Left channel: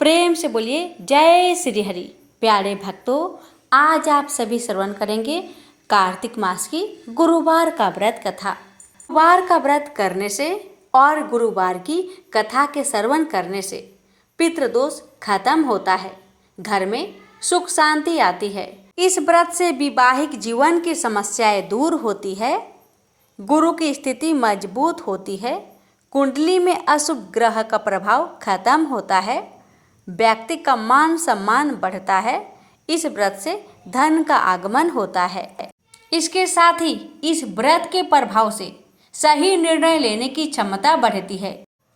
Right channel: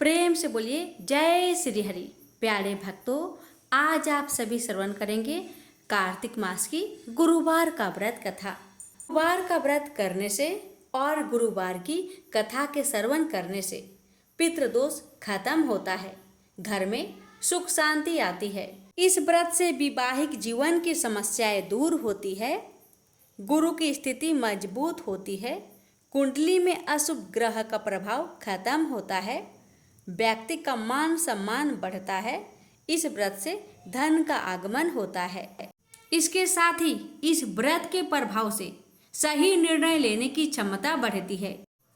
प्रेम से बोलिए जय श्री हरि। प्यारे भक्तों, आज आप सभी श्रवण करेंगे कार्तिक मास की गुरुवार का व्रत कथा। गुरुवार का व्रत करने से और गुरुवार की कथा के श्रवण करने से पितृदोष खत्म होता है, घर में सुख शांति आती है। इस व्रत से वैवाहिक जीवन की समस्याएं दूर होती है, गुरु की स्थिति मजबूत होती है, कुंडली में अशुभ ग्रह का प्रभाव खत्म होता है, व्यक्ति का मान सम्मान बढ़ता है। इस व्रत से धन का आगमन होता है। इसके साथ ही इस व्रत के प्रभाव से सही निर्णय लेने की क्षमता बढ़ती है,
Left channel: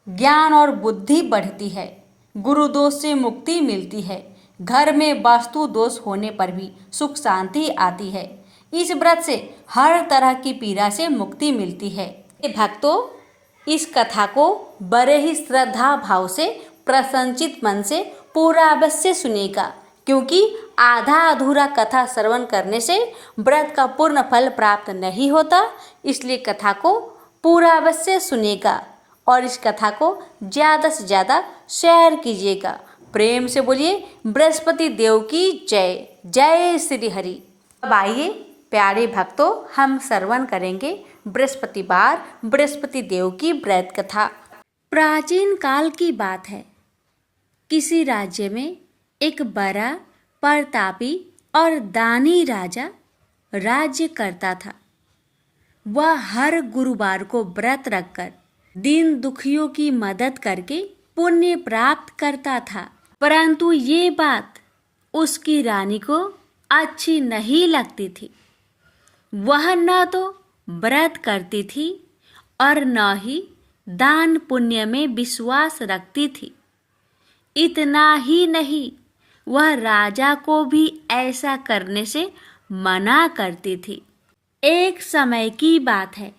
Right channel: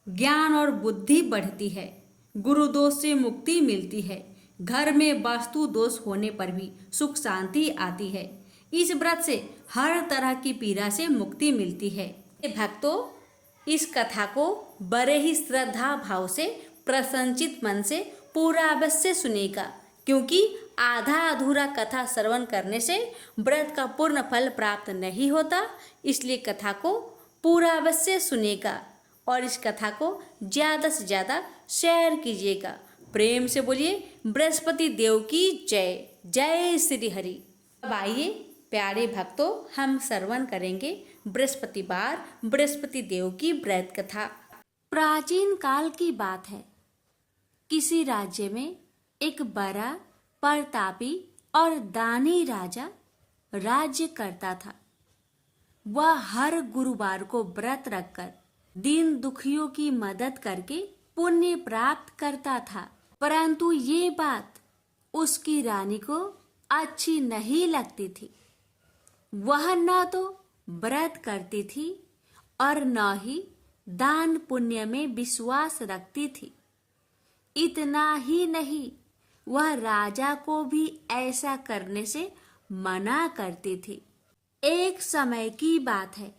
ज्ञान और बुद्धि बढ़ती है, गुरु दोष से मुक्ति मिलती है, घर में वास्तु दोष होने पर भी सुख शांति आती है। इस व्रत से हर तरह की पीड़ा से मुक्ति मिलती है। भक्तों, इस कथा को बड़े ही श्रद्धा भाव से प्रसन्नचित मन से पूरा अवश्य सुनेगा, क्योंकि आधा अधूरा कथा श्रवण करने से व्रत का पूर्ण फल प्राप्त नहीं होता। इसलिए कथा को पूरा अवश्य सुनेगा और इस कथा को ज़्यादा से ज़्यादा शेयर कीजिएगा। प्रेम से बोलिए बृहस्पति देव की जय। जय श्री हरि। अब आइए प्यारे भक्तों, हम श्रवण करेंगे बृहस्पतिवार बृहस्पति देव की व्रत कथा। प्राचीन काल की बात है। किसी राज्य में एक बड़ा प्रतापी और दानी राजा राज्य करता था। वह हर गुरुवार को व्रत रखकर दीन दुखियों की मदद करके पुण्य प्राप्त करता था। परंतु ये बात उसकी रानी को अच्छी नहीं लगती थी। वह न तो व्रत करती थी और न ही दान पुण्य में विश्वास रखती थी। इतना ही नहीं, वह राजा को भी ऐसा करने से मना करती थी। एक समय की बात है,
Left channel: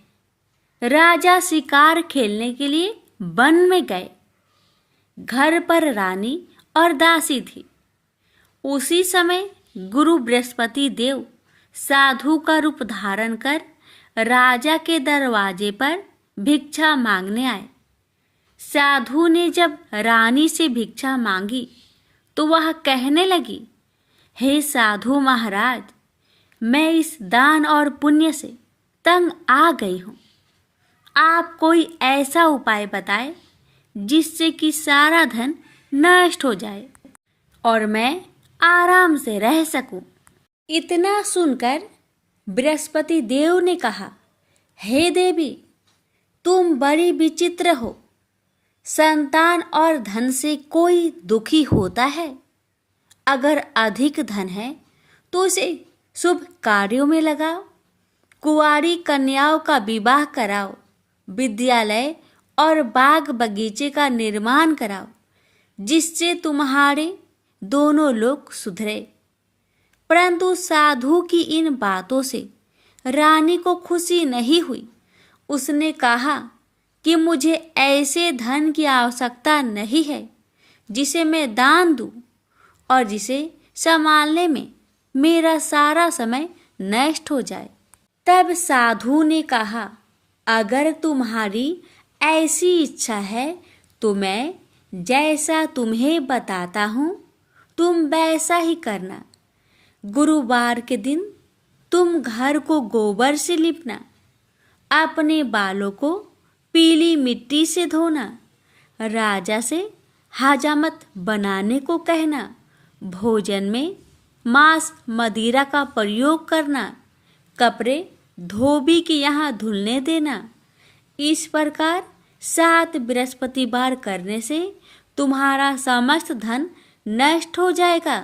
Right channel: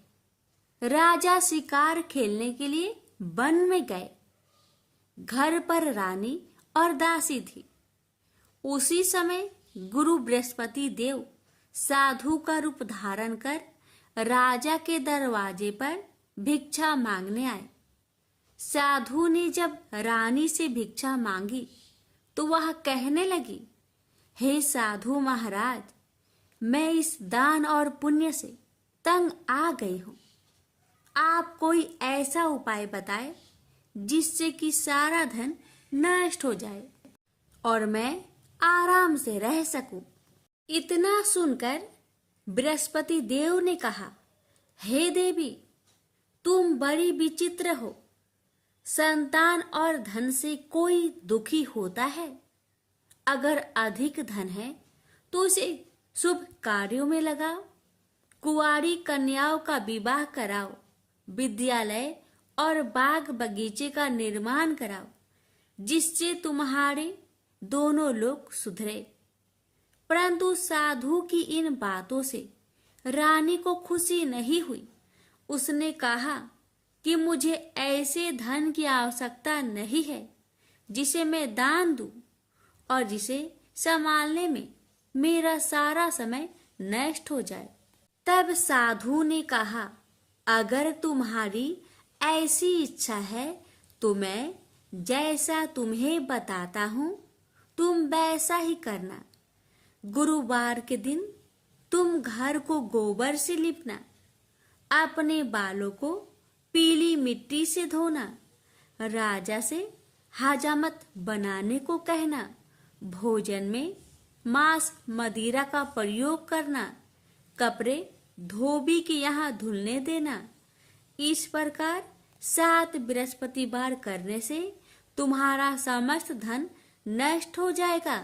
राजा शिकार खेलने के लिए वन में गए। घर पर रानी और दासी थी। उसी समय गुरु बृहस्पति देव साधु का रूप धारण कर राजा के दरवाजे पर भिक्षा मांगने आए। साधु ने जब रानी से भिक्षा मांगी तो वह कहने लगी, हे साधु महाराज, मैं इस दान और पुण्य से तंग आ गई हूँ। आप कोई ऐसा उपाय बताएं जिससे कि सारा धन नष्ट हो जाए और मैं आराम से रह सकूं। इतना सुनकर बृहस्पति देव ने कहा, हे देवी, तुम बड़ी विचित्र हो। संतान और धन से कोई दुखी होता है। अगर अधिक धन है तो उसे शुभ कार्यों में लगाओ, कुंवारी कन्याओं का विवाह कराओ, विद्यालय और बाग बगीचे का निर्माण कराओ, जिससे तुम्हारे दोनों लोग सुधरे। परंतु साधु की इन बातों से रानी को खुशी नहीं हुई। उसने कहा कि मुझे ऐसे धन की आवश्यकता नहीं है जिसे मैं दान दूं और जिसे संभालने में मेरा सारा समय नष्ट हो जाए। तब साधु ने कहा, अगर तुम्हारी ऐसी इच्छा है तो मैं जैसा तुम्हें बताता हूँ तुम वैसा ही करना। गुरुवार के दिन तुम घर को गोबर से लिपना, अपने बालों को पीली मिट्टी से धोना, राजा से हजामत बनाने को कहना, भोजन में मांस मदिरा का प्रयोग करना, कपड़े धोबी के यहाँ धुलने देना। इस प्रकार 7 बृहस्पतिवार करने से तुम्हारा समस्त धन नष्ट हो जाएगा।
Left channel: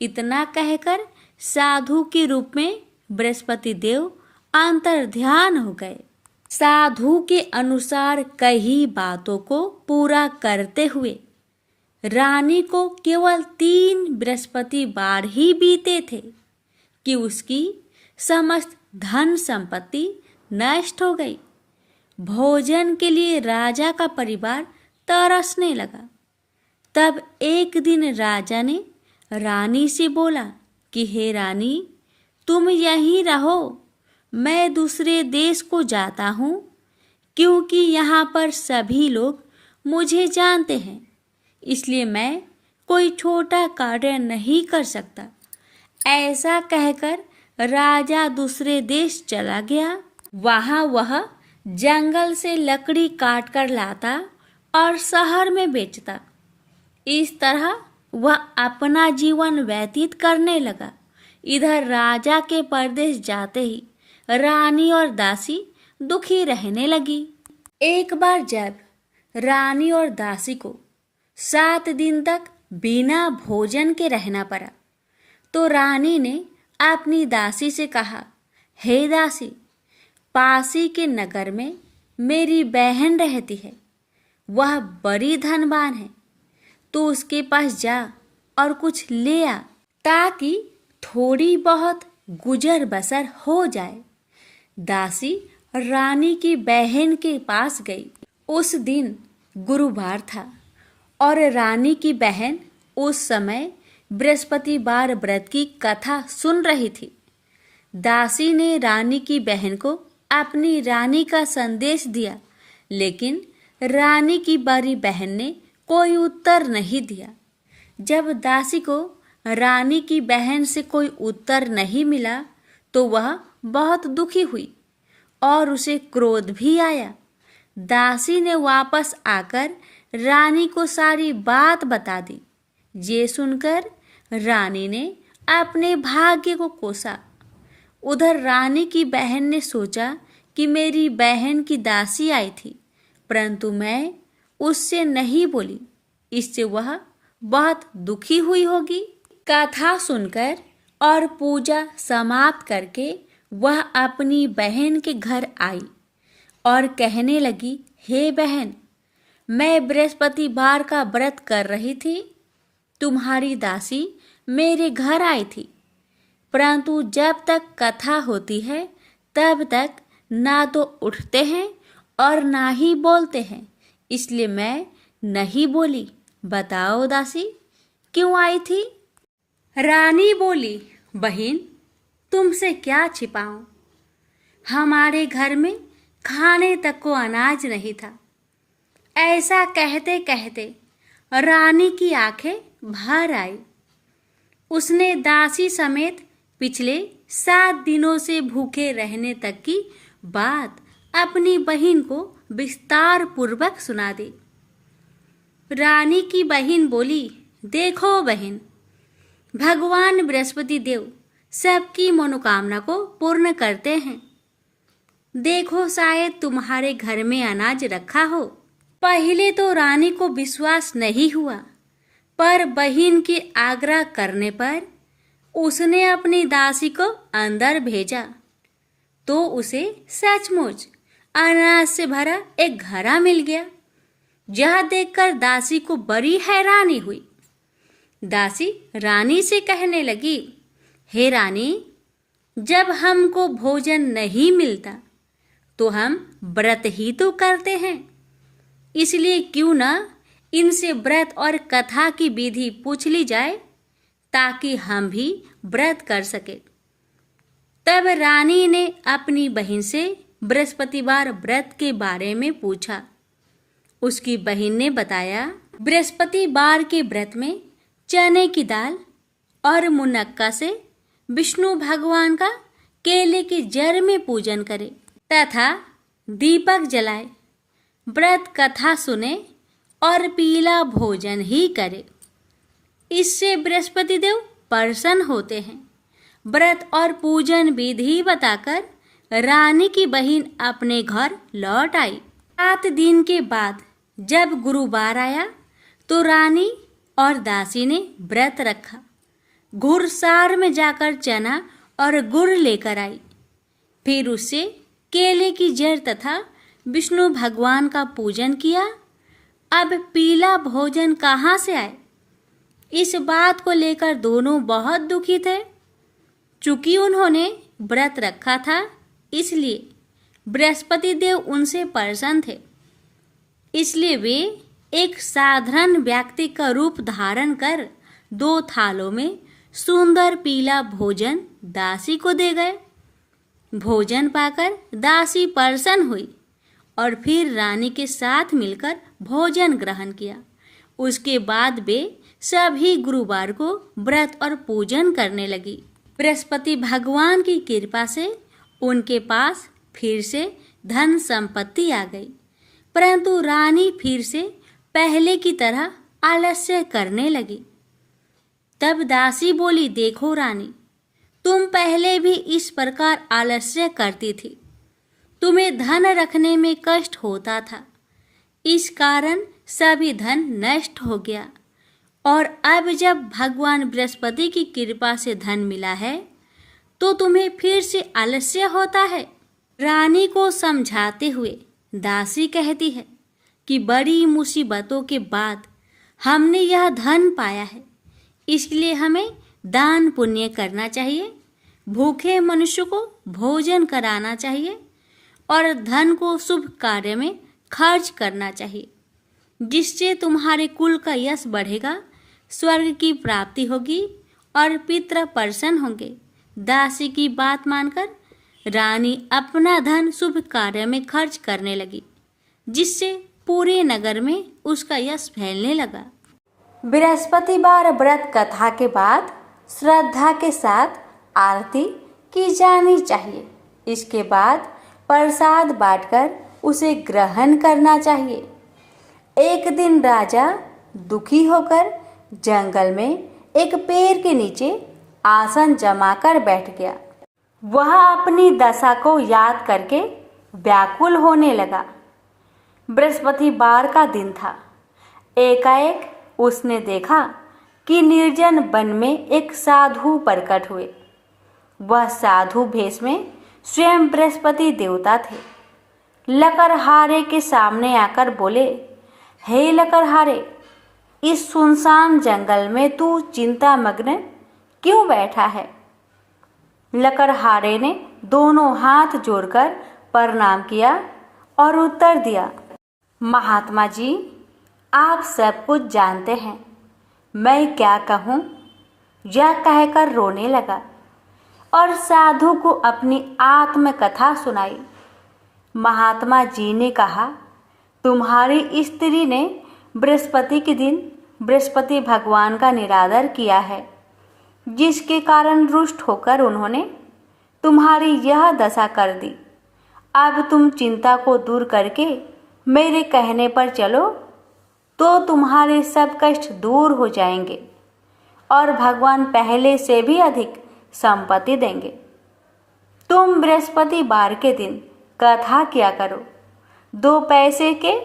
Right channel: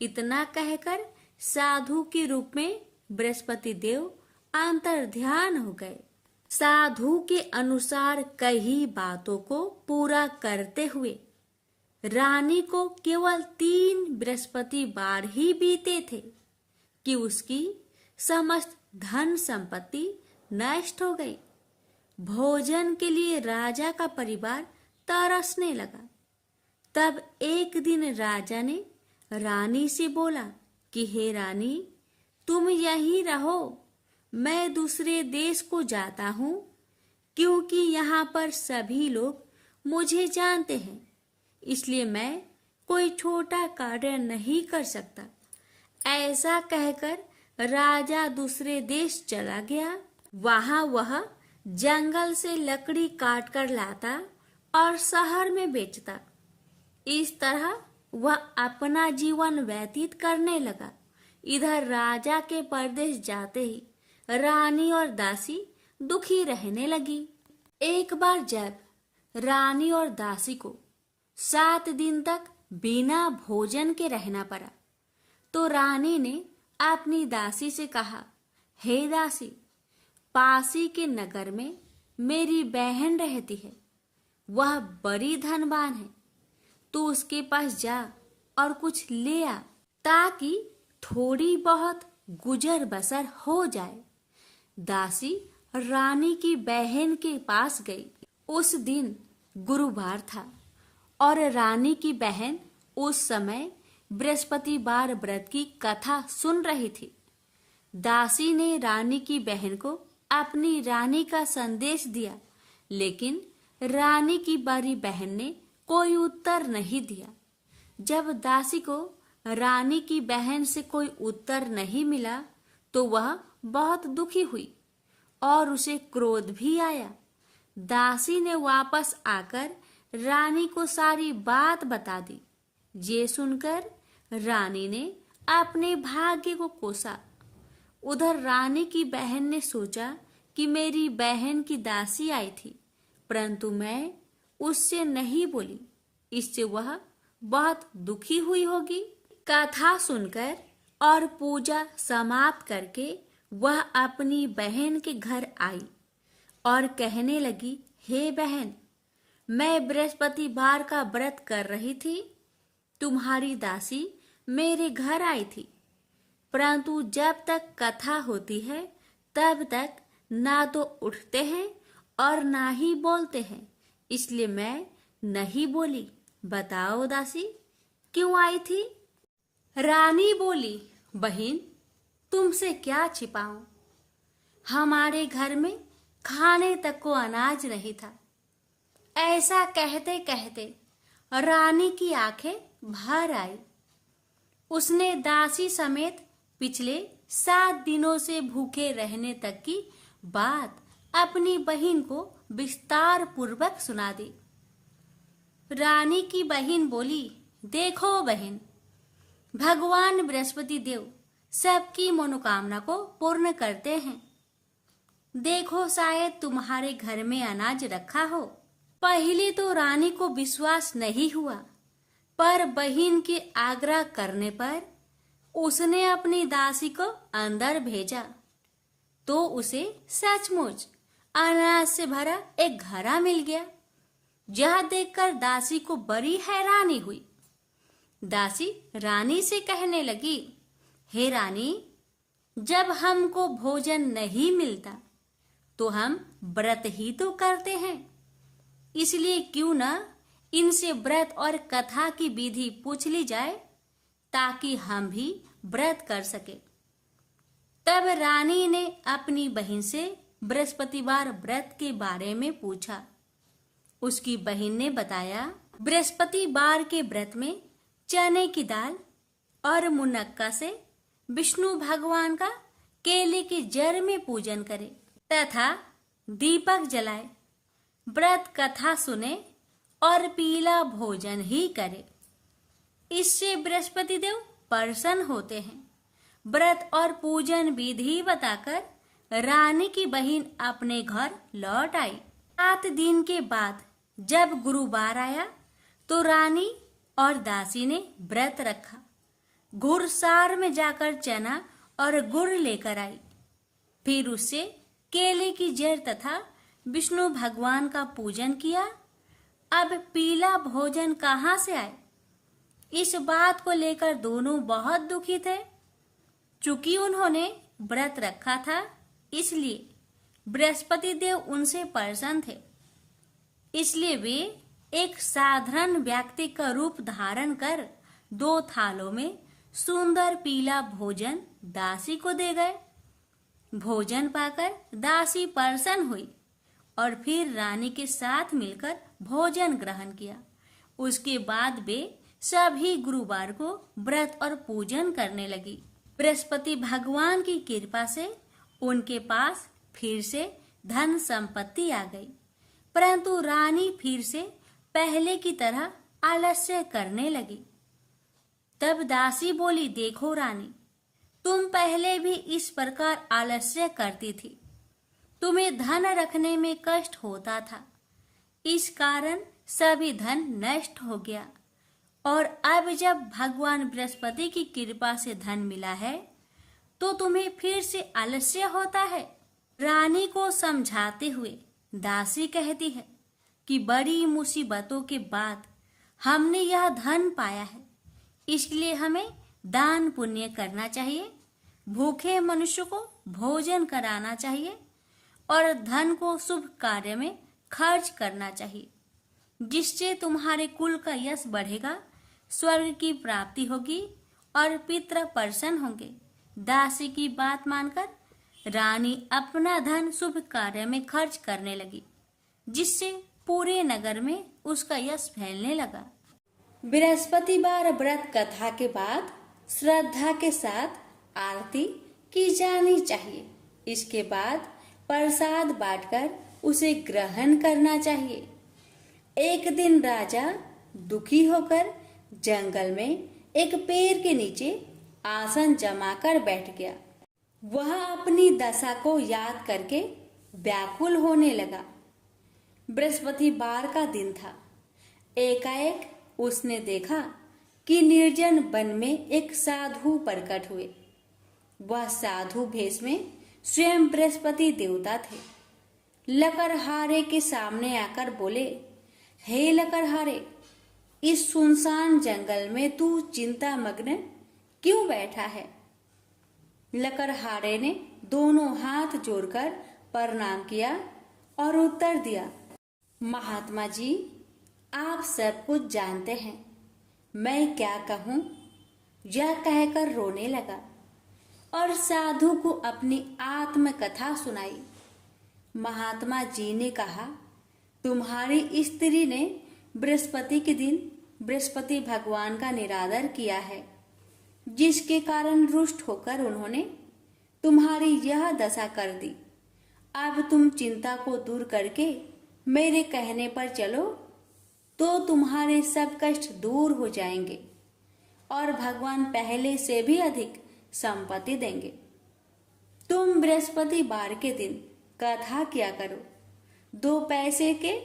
इतना कहकर साधु के रूप में बृहस्पति देव अंतर्ध्यान हो गए। साधु के अनुसार कई बातों को पूरा करते हुए रानी को केवल 3 बृहस्पतिवार ही बीते थे कि उसकी समस्त धन संपत्ति नष्ट हो गई। भोजन के लिए राजा का परिवार तरसने लगा। तब एक दिन राजा ने रानी से बोला कि हे रानी, तुम यहीं रहो, मैं दूसरे देश को जाता हूँ, क्योंकि यहाँ पर सभी लोग मुझे जानते हैं। इसलिए मैं कोई छोटा कार्य नहीं कर सकता। ऐसा कहकर राजा दूसरे देश चला गया। वहां वह जंगल से लकड़ी काट कर लाता और शहर में बेचता। इस तरह वह अपना जीवन व्यतीत करने लगा। इधर राजा के परदेश जाते ही रानी और दासी दुखी रहने लगी। एक बार जब रानी और दासी को 7 दिन तक बिना भोजन के रहना पड़ा, तो रानी ने अपनी दासी से कहा, हे दासी, पासी के नगर में मेरी बहन रहती है। वह बड़ी धनवान है, तो उसके पास जा और कुछ ले आ, ताकि थोड़ी बहुत गुजर बसर हो जाए। दासी रानी की बहन के पास गई। उस दिन गुरुवार था और रानी की बहन उस समय बृहस्पतिवार व्रत की कथा सुन रही थी। दासी ने रानी की बहन को अपनी रानी का संदेश दिया, लेकिन रानी की बड़ी बहन ने कोई उत्तर नहीं दिया। जब दासी को रानी की बहन से कोई उत्तर नहीं मिला, तो वह बहुत दुखी हुई और उसे क्रोध भी आया। दासी ने वापस आकर रानी को सारी बात बता दी। ये सुनकर रानी ने अपने भाग्य को कोसा। उधर रानी की बहन ने सोचा कि मेरी बहन की दासी आई थी, परंतु मैं उससे नहीं बोली, इससे वह बहुत दुखी हुई होगी। कथा सुनकर और पूजा समाप्त करके वह अपनी बहन के घर आई और कहने लगी, हे बहन, मैं बृहस्पतिवार का व्रत कर रही थी। तुम्हारी दासी मेरे घर आई थी, परंतु जब तक कथा होती है तब तक ना तो उठते हैं और ना ही बोलते हैं, इसलिए मैं नहीं बोली। बताओ दासी, क्यों आई थी? रानी बोली, बहन, तुमसे क्या छिपाऊं? हमारे घर में खाने तक को अनाज नहीं था। ऐसा कहते कहते रानी की आंखें भर आई। उसने दासी समेत पिछले 7 दिनों से भूखे रहने तक की बात अपनी बहन को विस्तार पूर्वक सुना दी। रानी की बहन बोली, देखो बहन, भगवान बृहस्पति देव सबकी मनोकामना को पूर्ण करते हैं। देखो, शायद तुम्हारे घर में अनाज रखा हो। पहले तो रानी को विश्वास नहीं हुआ, पर बहन के आग्रह करने पर उसने अपनी दासी को अंदर भेजा, तो उसे सचमुच अनाज से भरा एक घड़ा मिल गया। यह देखकर दासी को बड़ी हैरानी हुई। दासी रानी से कहने लगी, हे रानी, जब हमको भोजन नहीं मिलता तो हम व्रत ही तो करते हैं, इसलिए क्यों ना इनसे व्रत और कथा की विधि पूछ ली जाए, ताकि हम भी व्रत कर सके। तब रानी ने अपनी बहन से बृहस्पतिवार व्रत के बारे में पूछा। उसकी बहन ने बताया, बृहस्पतिवार के व्रत में चने की दाल और मुनक्का से विष्णु भगवान का केले के जड़ में पूजन करे तथा दीपक जलाए, व्रत कथा सुने और पीला भोजन ही करे। इससे बृहस्पति देव प्रसन्न होते हैं। व्रत और पूजन विधि बताकर रानी की बहन अपने घर लौट आई। 7 दिन के बाद जब गुरुवार आया तो रानी और दासी ने व्रत रखा। घुड़सार में जाकर चना और गुड़ लेकर आई। फिर उससे केले की जड़ तथा विष्णु भगवान का पूजन किया। अब पीला भोजन कहाँ से आए? इस बात को लेकर दोनों बहुत दुखी थे। चूंकि उन्होंने व्रत रखा था, इसलिए बृहस्पति देव उनसे प्रसन्न थे। इसलिए वे एक साधारण व्यक्ति का रूप धारण कर 2 थालों में सुंदर पीला भोजन दासी को दे गए। भोजन पाकर दासी प्रसन्न हुई और फिर रानी के साथ मिलकर भोजन ग्रहण किया। उसके बाद वे सभी गुरुवार को व्रत और पूजन करने लगी। बृहस्पति भगवान की कृपा से उनके पास फिर से धन संपत्ति आ गई, परंतु रानी फिर से पहले की तरह आलस्य करने लगी। तब दासी बोली, देखो रानी, तुम पहले भी इस प्रकार आलस्य करती थी। तुम्हें धन रखने में कष्ट होता था, इस कारण सभी धन नष्ट हो गया, और अब जब भगवान बृहस्पति की कृपा से धन मिला है तो तुम्हें फिर से आलस्य होता है। रानी को समझाते हुए दासी कहती है कि बड़ी मुसीबतों के बाद हमने यह धन पाया है, इसलिए हमें दान पुण्य करना चाहिए, भूखे मनुष्य को भोजन कराना चाहिए और धन को शुभ कार्य में खर्च करना चाहिए, जिससे तुम्हारे कुल का यश बढ़ेगा, स्वर्ग की प्राप्ति होगी और पितृ प्रसन्न होंगे। दासी की बात मानकर रानी अपना धन शुभ कार्य में खर्च करने लगी, जिससे पूरे नगर में उसका यश फैलने लगा। बृहस्पतिवार व्रत कथा के बाद श्रद्धा के साथ आरती की जानी चाहिए। इसके बाद प्रसाद बांटकर उसे ग्रहण करना चाहिए। एक दिन राजा दुखी होकर जंगल में एक पेड़ के नीचे आसन जमाकर बैठ गया। वह अपनी दशा को याद करके व्याकुल होने लगा। बृहस्पतिवार का दिन था। एकाएक उसने देखा कि निर्जन वन में एक साधु प्रकट हुए। वह साधु भेष में स्वयं बृहस्पति देवता थे। लकड़हारे के सामने आकर बोले, हे लकड़हारे, इस सुनसान जंगल में तू चिंता मग्न क्यों बैठा है? लकड़हारे ने दोनों हाथ जोड़कर प्रणाम किया और उत्तर दिया, महात्मा जी, आप सब कुछ जानते हैं, मैं क्या कहूँ? यह कहकर रोने लगा और साधु को अपनी आत्मकथा सुनाई। महात्मा जी ने कहा, तुम्हारी स्त्री ने बृहस्पति के दिन बृहस्पति भगवान का निरादर किया है, जिसके कारण रुष्ट होकर उन्होंने तुम्हारी यह दशा कर दी। अब तुम चिंता को दूर करके मेरे कहने पर चलो तो तुम्हारे सब कष्ट दूर हो जाएंगे और भगवान पहले से भी अधिक संपत्ति देंगे। तुम बृहस्पतिवार के दिन कथा किया करो। 2 पैसे के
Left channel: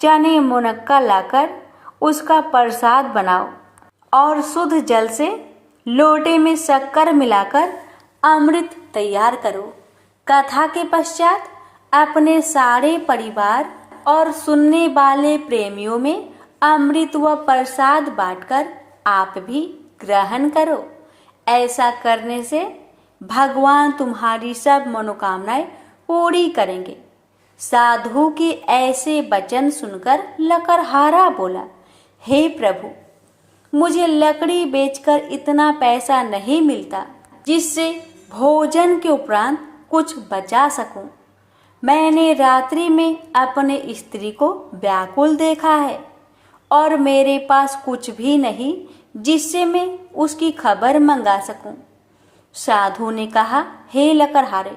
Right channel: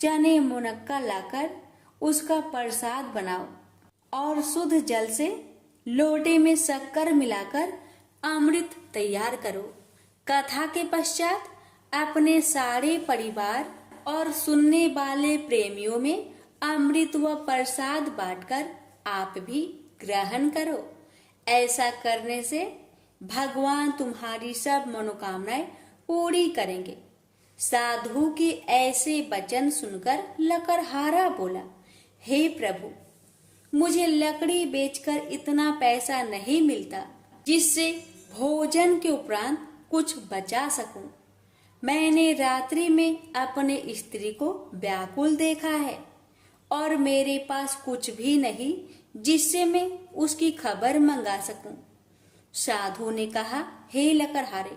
चने मुनक्का लाकर उसका प्रसाद बनाओ और शुद्ध जल से लोटे में शक्कर मिलाकर अमृत तैयार करो। कथा के पश्चात अपने सारे परिवार और सुनने वाले प्रेमियों में अमृत व प्रसाद बांटकर आप भी ग्रहण करो। ऐसा करने से भगवान तुम्हारी सब मनोकामनाएं पूरी करेंगे। साधु के ऐसे वचन सुनकर लकड़हारा बोला, हे प्रभु, मुझे लकड़ी बेचकर इतना पैसा नहीं मिलता जिससे भोजन के उपरांत कुछ बचा सकूं। मैंने रात्रि में अपने स्त्री को व्याकुल देखा है और मेरे पास कुछ भी नहीं जिससे मैं उसकी खबर मंगा सकूं। साधु ने कहा, हे लकड़हारे,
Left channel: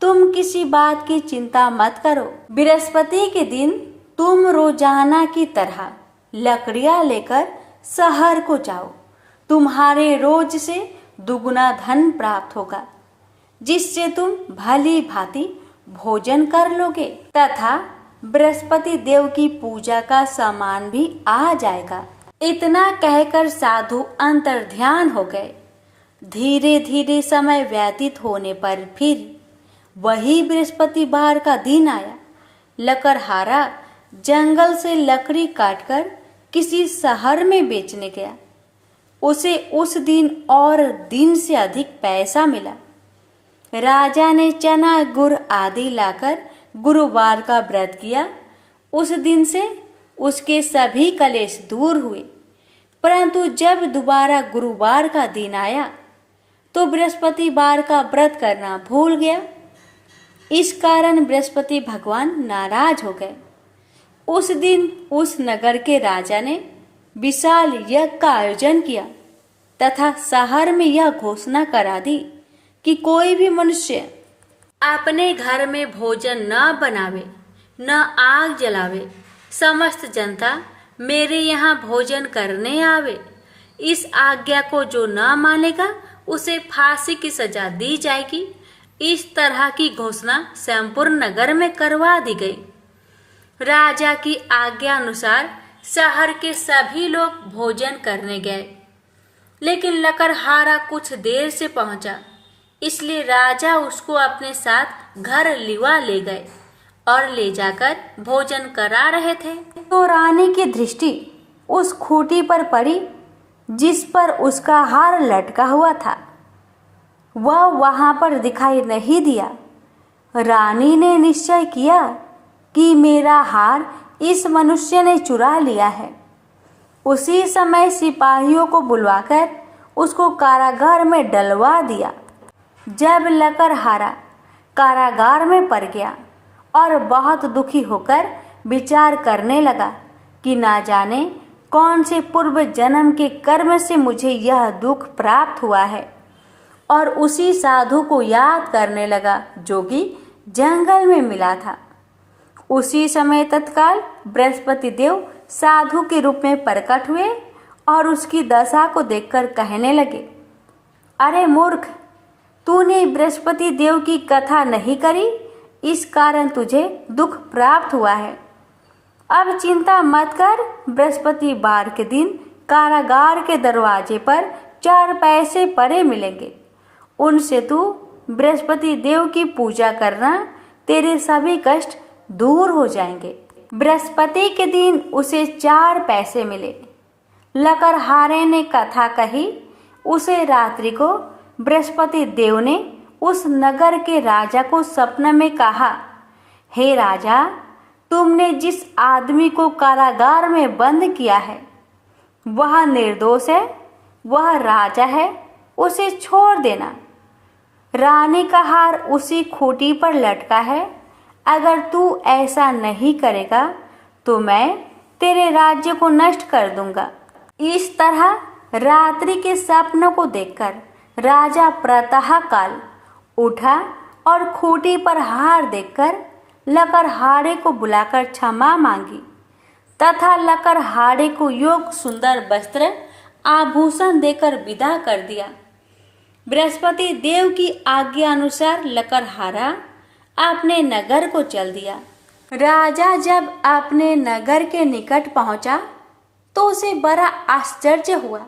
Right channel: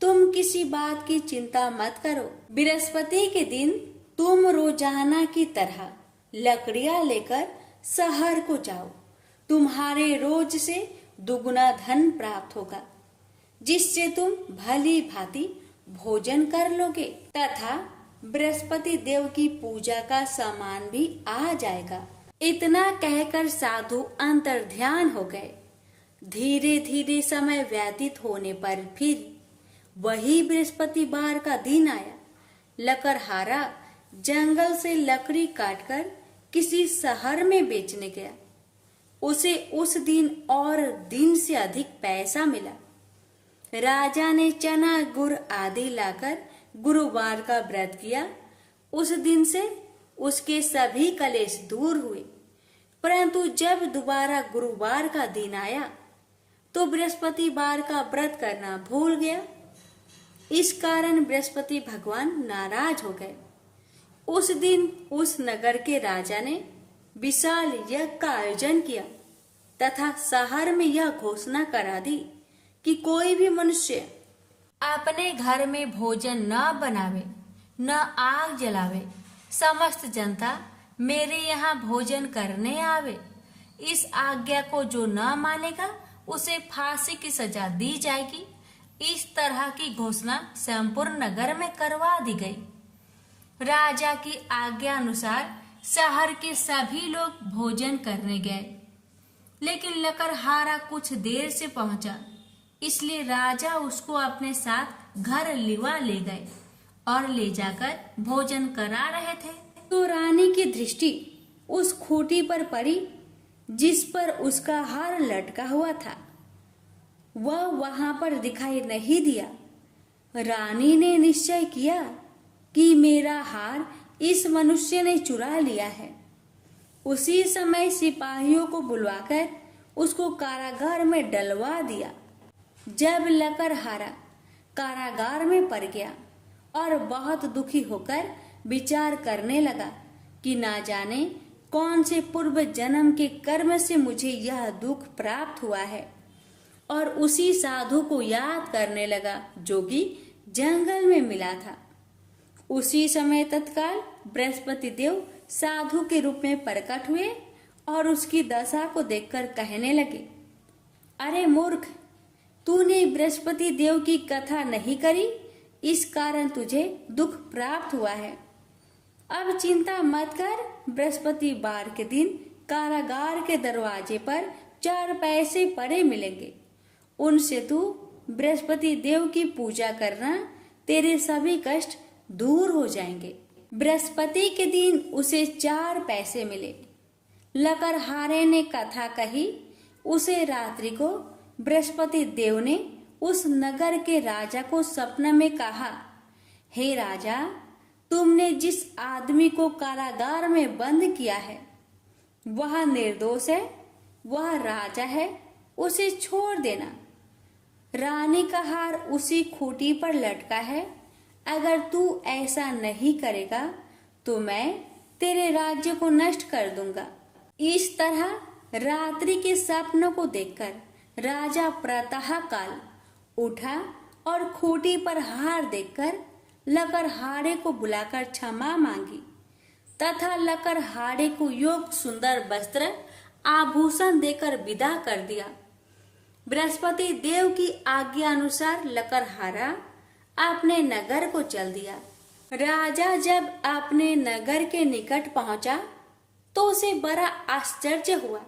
तुम किसी बात की चिंता मत करो। बृहस्पति के दिन तुम रोजाना की तरह लकड़ियां लेकर शहर को जाओ। तुम्हारे रोज से दुगुना धन प्राप्त होगा, जिससे तुम भली भांति भोजन कर लोगे तथा बृहस्पति देव की पूजा का सामान भी आ जाएगा। इतना कहकर साधु अंतर्ध्यान हो गए। धीरे धीरे समय व्यतीत होने पर फिर वही बृहस्पतिवार का दिन आया। लकड़हारा जंगल से लकड़ी काटकर किसी शहर में बेचने गया। उसे उस दिन और दिन से अधिक पैसा मिला। राजा ने चना गुड़ आदि लाकर गुरुवार का व्रत किया। उस दिन से उसके सभी कलेश दूर हुए। परंतु जब दोबारा गुरुवार का दिन आया तो बृहस्पतिवार का व्रत करना भूल गया। इस कारण बृहस्पति भगवान नाराज हो गए। उस दिन उस नगर के राजा ने विशाल यज्ञ का आयोजन किया तथा शहर में यह घोषणा करा दी कि कोई भी मनुष्य अपने घर में भोजन न बनावे, न आग जलावे। समस्त जनता मेरे यहाँ भोजन करने आवे। इस आज्ञा को जो न मानेगा उसे फांसी की सजा दी जाएगी। इस तरह की घोषणा संपूर्ण नगर में करवा दी गई। राजा की आज्ञा अनुसार शहर के सभी लोग भोजन करने गए, लेकिन लकड़हारा कुछ देर से पहुंचा, इसलिए राजा उसको अपने साथ घर लिवा ले गए और ले जाकर भोजन करा रहे थे। तो रानी की दृष्टि उस खूंटी पर पड़ी जिस पर उसका हार लटका हुआ था। वह वहां पर दिखाई नहीं दिया। रानी ने निश्चय किया कि मेरा हार इस मनुष्य ने चुरा लिया है। उसी समय सिपाहियों को बुलवाकर उसको कारागार में डलवा दिया। जब लकड़हारा कारागार में पड़ गया और बहुत दुखी होकर विचार करने लगा कि ना जाने कौन से पूर्व जन्म के कर्म से मुझे यह दुख प्राप्त हुआ है, और उसी साधु को याद करने लगा जो कि जंगल में मिला था। उसी समय तत्काल बृहस्पति देव साधु के रूप में प्रकट हुए और उसकी दशा को देखकर कहने लगे, अरे मूर्ख, तूने बृहस्पति देव की कथा नहीं करी, इस कारण तुझे दुख प्राप्त हुआ है। अब चिंता मत कर। बृहस्पतिवार के दिन कारागार के दरवाजे पर 4 पैसे पड़े मिलेंगे। उनसे तू बृहस्पति देव की पूजा करना, तेरे सभी कष्ट दूर हो जाएंगे। बृहस्पति के दिन उसे 4 पैसे मिले। लकड़हारे ने कथा कही। उसे रात्रि को बृहस्पति देव ने उस नगर के राजा को सपने में कहा, हे राजा, तुमने जिस आदमी को कारागार में बंद किया है वह निर्दोष है, वह राजा है, उसे छोड़ देना। रानी का हार उसी खूंटी पर लटका है। अगर तू ऐसा नहीं करेगा तो मैं तेरे राज्य को नष्ट कर दूंगा। इस तरह रात्रि के सपनों को देखकर राजा प्रातः काल उठा और खूंटी पर हार देखकर लकड़हारे को बुलाकर क्षमा मांगी तथा लकड़हारे को योग सुंदर वस्त्र आभूषण देकर विदा कर दिया। बृहस्पति देव की आज्ञा अनुसार लकड़हारा अपने नगर को चल दिया। राजा जब अपने नगर के निकट पहुंचा तो उसे बड़ा आश्चर्य हुआ।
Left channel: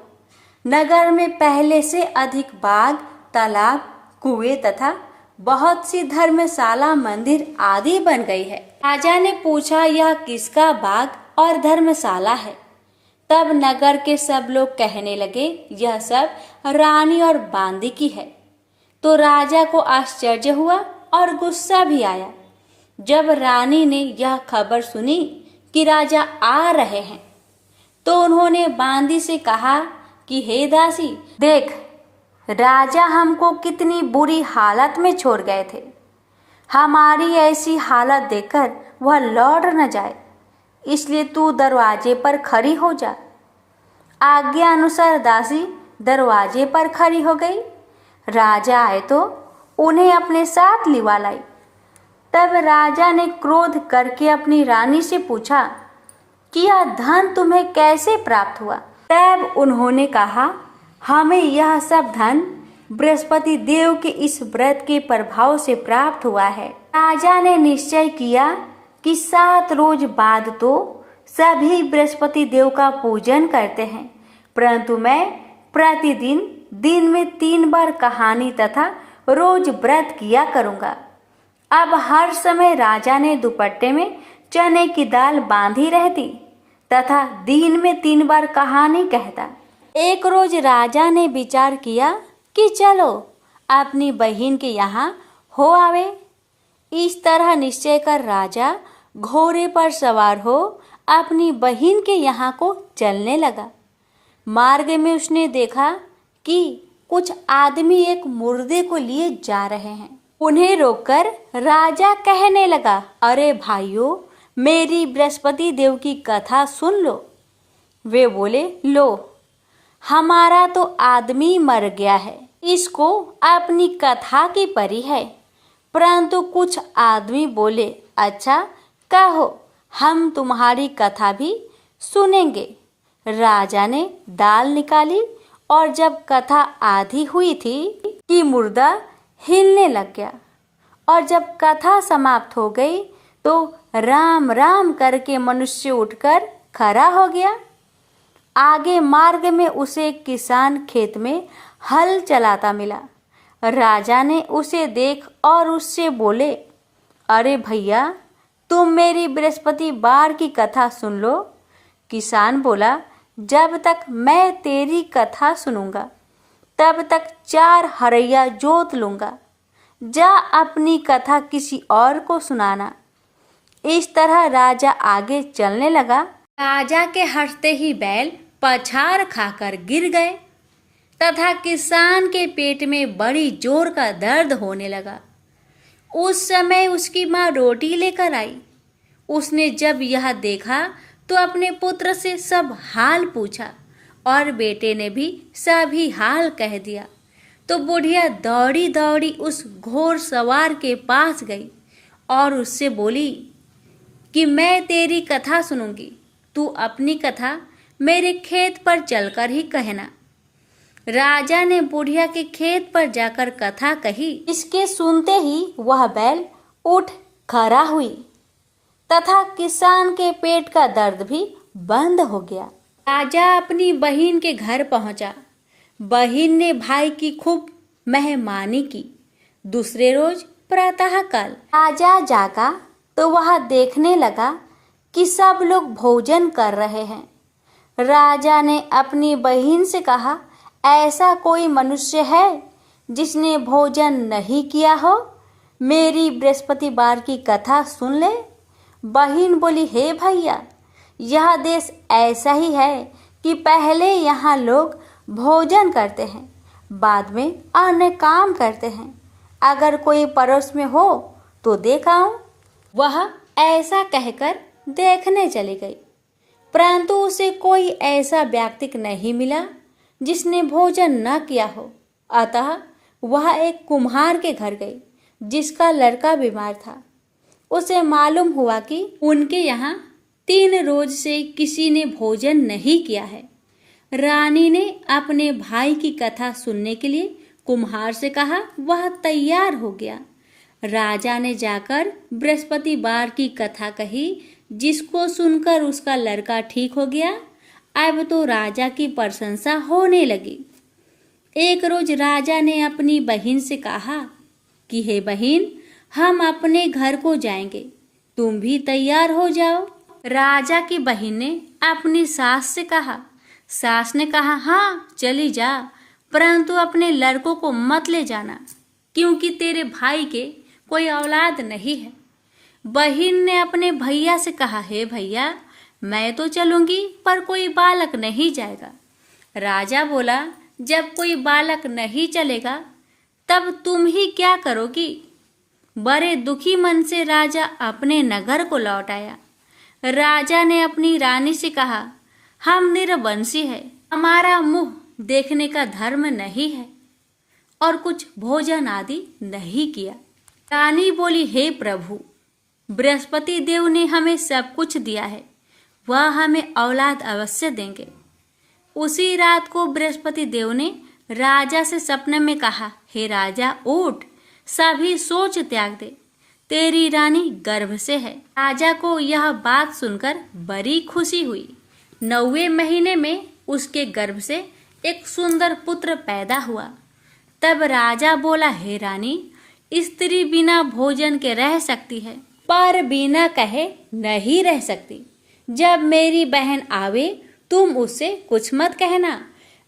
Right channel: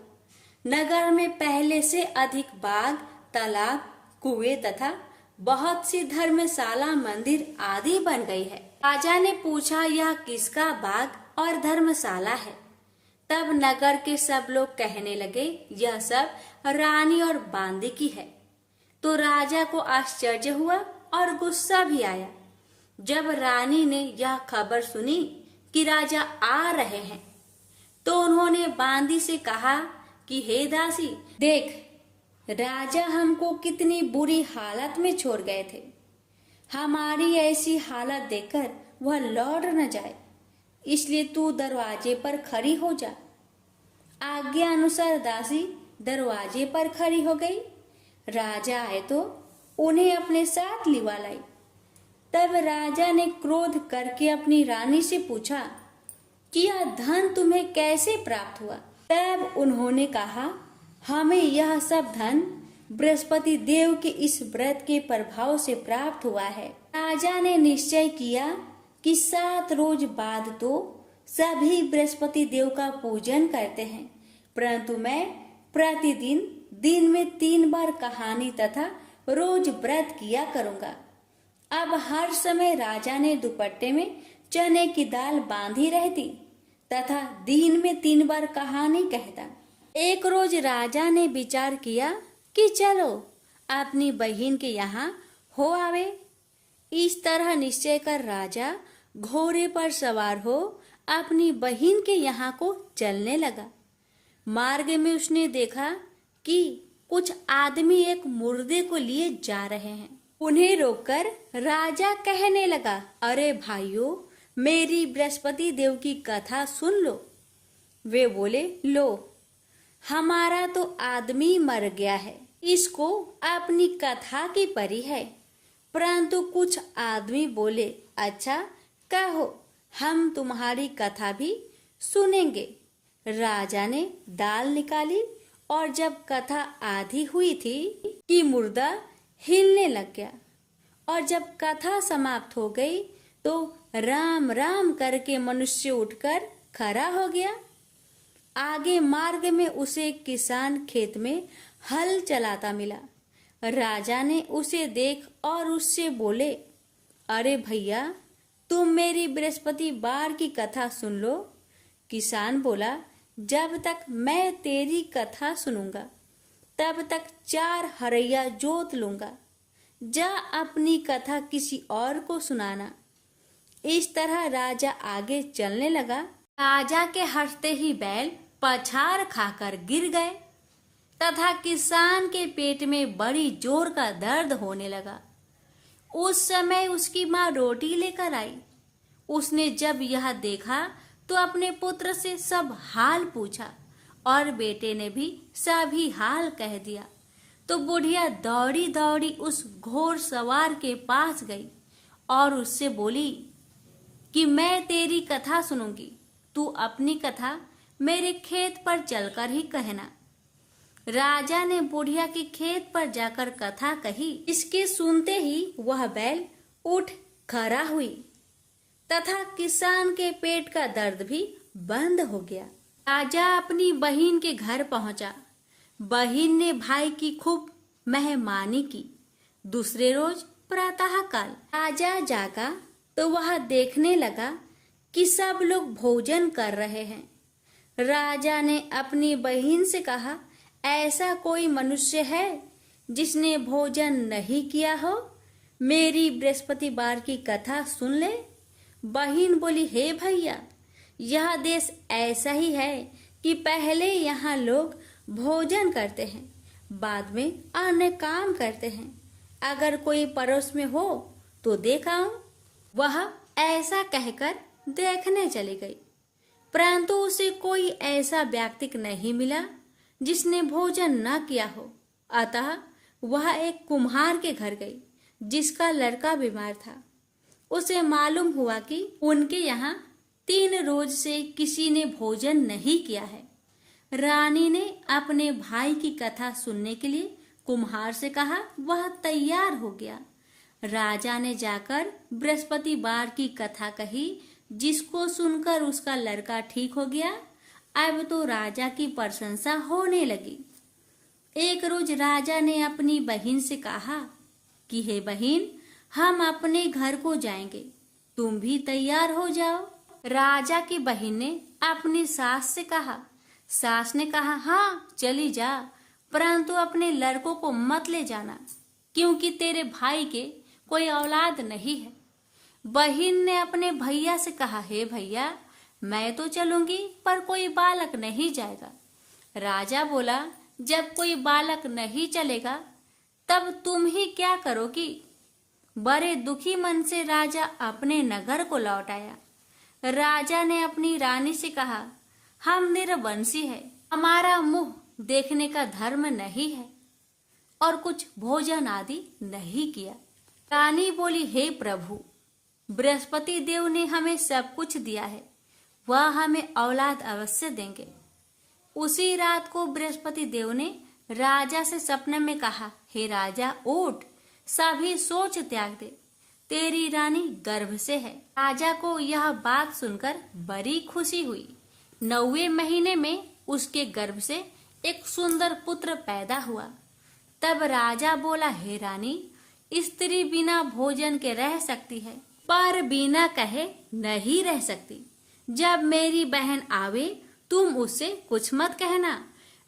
नगर में पहले से अधिक बाग, तालाब, कुएं तथा बहुत सी धर्मशाला, मंदिर आदि बन गई है। राजा ने पूछा, यह किसका बाग और धर्मशाला है? तब नगर के सब लोग कहने लगे, यह सब रानी और बांदी की है। तो राजा को आश्चर्य हुआ और गुस्सा भी आया। जब रानी ने यह खबर सुनी कि राजा आ रहे हैं तो उन्होंने बांदी से कहा कि हे दासी, देख, राजा हमको कितनी बुरी हालत में छोड़ गए थे। हमारी ऐसी हालत देखकर वह लौट न जाए, इसलिए तू दरवाजे पर खड़ी हो जा। आज्ञा अनुसार दासी दरवाजे पर खड़ी हो गई। राजा आए तो उन्हें अपने साथ लिवा लाई। तब राजा ने क्रोध करके अपनी रानी से पूछा कि यह धन तुम्हें कैसे प्राप्त हुआ? तब उन्होंने कहा, हमें यह सब धन बृहस्पति देव के इस व्रत के प्रभाव से प्राप्त हुआ है। राजा ने निश्चय किया कि 7 रोज बाद तो सभी बृहस्पति देव का पूजन करते हैं, परंतु मैं प्रतिदिन दिन में 3 बार कहानी तथा रोज व्रत किया करूंगा। अब हर समय राजा ने दुपट्टे में चने की दाल बांधी रहती तथा दिन में 3 बार कहानी कहता। एक रोज राजा ने विचार किया कि चलो अपनी बहन के यहाँ हो आवे। इस तरह निश्चय कर राजा घोड़े पर सवार हो अपनी बहन के यहाँ को चलने लगा। मार्ग में उसने देखा कि कुछ आदमी एक मुर्दे को लिए जा रहे हैं। उन्हें रोककर राजा कहने लगा, अरे भाइयों, मेरी बृहस्पति देव की कथा सुन लो। वे बोले, लो, हमारा तो आदमी मर गया है, इसको अपनी कथा की परी है। परंतु कुछ आदमी बोले, अच्छा कहो, हम तुम्हारी कथा भी सुनेंगे। राजा ने दाल निकाली और जब कथा आधी हुई थी कि मुर्दा हिलने लग गया, और जब कथा समाप्त हो गई तो राम राम करके मनुष्य उठकर खड़ा हो गया। आगे मार्ग में उसे किसान खेत में हल चलाता मिला। राजा ने उसे देख और उससे बोले, अरे भैया, तुम मेरी बृहस्पतिवार की कथा सुन लो। किसान बोला, जब तक मैं तेरी कथा सुनूंगा तब तक 4 हरैया जोत लूंगा। जा अपनी कथा किसी और को सुनाना। इस तरह राजा आगे चलने लगा। राजा के हंसते ही बैल पछाड़ खाकर गिर गए तथा किसान के पेट में बड़ी जोर का दर्द होने लगा। उस समय उसकी माँ रोटी लेकर आई। उसने जब यह देखा तो अपने पुत्र से सब हाल पूछा और बेटे ने भी सभी हाल कह दिया। तो बुढ़िया दौड़ी दौड़ी उस घोड़ सवार के पास गई और उससे बोली कि मैं तेरी कथा सुनूंगी, तू अपनी कथा मेरे खेत पर चलकर ही कहना। राजा ने बुढ़िया के खेत पर जाकर कथा कही। इसके सुनते ही वह बैल उठ खड़ा हुई तथा किसान के पेट का दर्द भी बंद हो गया। राजा अपनी बहन के घर पहुंचा। बहन ने भाई की खूब मेहमानी की। दूसरे रोज प्रातःकाल राजा जागा तो वह देखने लगा कि सब लोग भोजन कर रहे हैं। राजा ने अपनी बहन से कहा, ऐसा कोई मनुष्य है जिसने भोजन नहीं किया हो? मेरी बृहस्पतिवार की कथा सुन ले। बहन बोली, हे भैया, यह देश ऐसा ही है कि पहले यहाँ लोग भोजन करते हैं, बाद में अन्य काम करते हैं। अगर कोई पड़ोस में हो तो देख आऊं। वह ऐसा कहकर देखने चली गई, परंतु उसे कोई ऐसा व्यक्ति नहीं मिला जिसने भोजन न किया हो। अतः वह एक कुम्हार के घर गई जिसका लड़का बीमार था। उसे मालूम हुआ कि उनके यहाँ 3 रोज से किसी ने भोजन नहीं किया है। रानी ने अपने भाई की कथा सुनने के लिए कुम्हार से कहा। वह तैयार हो गया। राजा ने जाकर बृहस्पतिवार की कथा कही, जिसको सुनकर उसका लड़का ठीक हो गया। अब तो राजा की प्रशंसा होने लगी। एक रोज राजा ने अपनी बहन से कहा कि हे बहन, हम अपने घर को जाएंगे, तुम भी तैयार हो जाओ। राजा की बहन ने अपनी सास से कहा। सास ने कहा, हाँ चली जा, परंतु अपने लड़कों को मत ले जाना, क्योंकि तेरे भाई के कोई औलाद नहीं है। बहन ने अपने भैया से कहा, हे भैया, मैं तो चलूंगी पर कोई बालक नहीं जाएगा। राजा बोला, जब कोई बालक नहीं चलेगा तब तुम ही क्या करोगी? बड़े दुखी मन से राजा अपने नगर को लौट आया। राजा ने अपनी रानी से कहा, हम निरवंशी है, हमारा मुंह देखने का धर्म नहीं है और कुछ भोजन आदि नहीं किया। रानी बोली, हे प्रभु, बृहस्पति देव ने हमें सब कुछ दिया है, वह हमें औलाद अवश्य देंगे। उसी रात को बृहस्पति देव ने राजा से सपने में कहा, हे राजा, उठ, सभी सोच त्याग दे, तेरी रानी गर्भ से है। राजा को यह बात सुनकर बड़ी खुशी हुई। 9वें महीने में उसके गर्भ से एक सुंदर पुत्र पैदा हुआ। तब राजा बोला, हे रानी, स्त्री बिना भोजन के रह सकती है, पर बिना कहे नहीं रह सकती। जब मेरी बहन आवे तुम उससे कुछ मत कहना।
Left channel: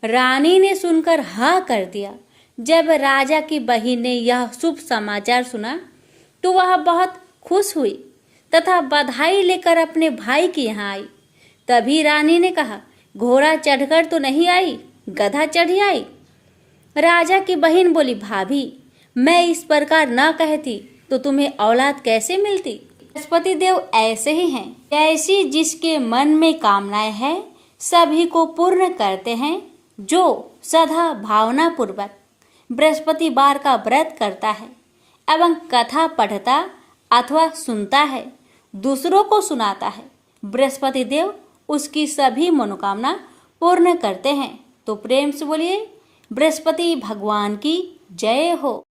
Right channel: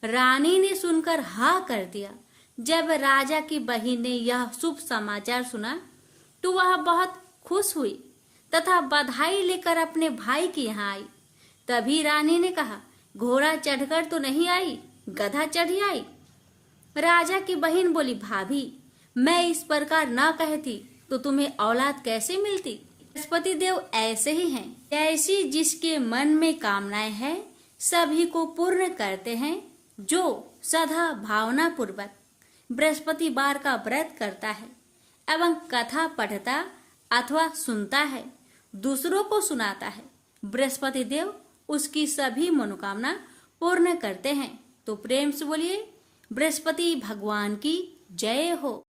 रानी ने सुनकर हाँ कर दिया। जब राजा की बहन ने यह शुभ समाचार सुना तो वह बहुत खुश हुई तथा बधाई लेकर अपने भाई के यहाँ आई। तभी रानी ने कहा, घोड़ा चढ़कर तो नहीं आई, गधा चढ़ी आई। राजा की बहन बोली, भाभी, मैं इस प्रकार न कहती तो तुम्हें औलाद कैसे मिलती? बृहस्पति देव ऐसे ही हैं, जैसी जिसके मन में कामनाएं हैं सभी को पूर्ण करते हैं। जो सदा भावना पूर्वक बृहस्पतिवार का व्रत करता है एवं कथा पढ़ता अथवा सुनता है, दूसरों को सुनाता है, बृहस्पति देव उसकी सभी मनोकामना पूर्ण करते हैं। तो प्रेम से बोलिए बृहस्पति भगवान की जय हो।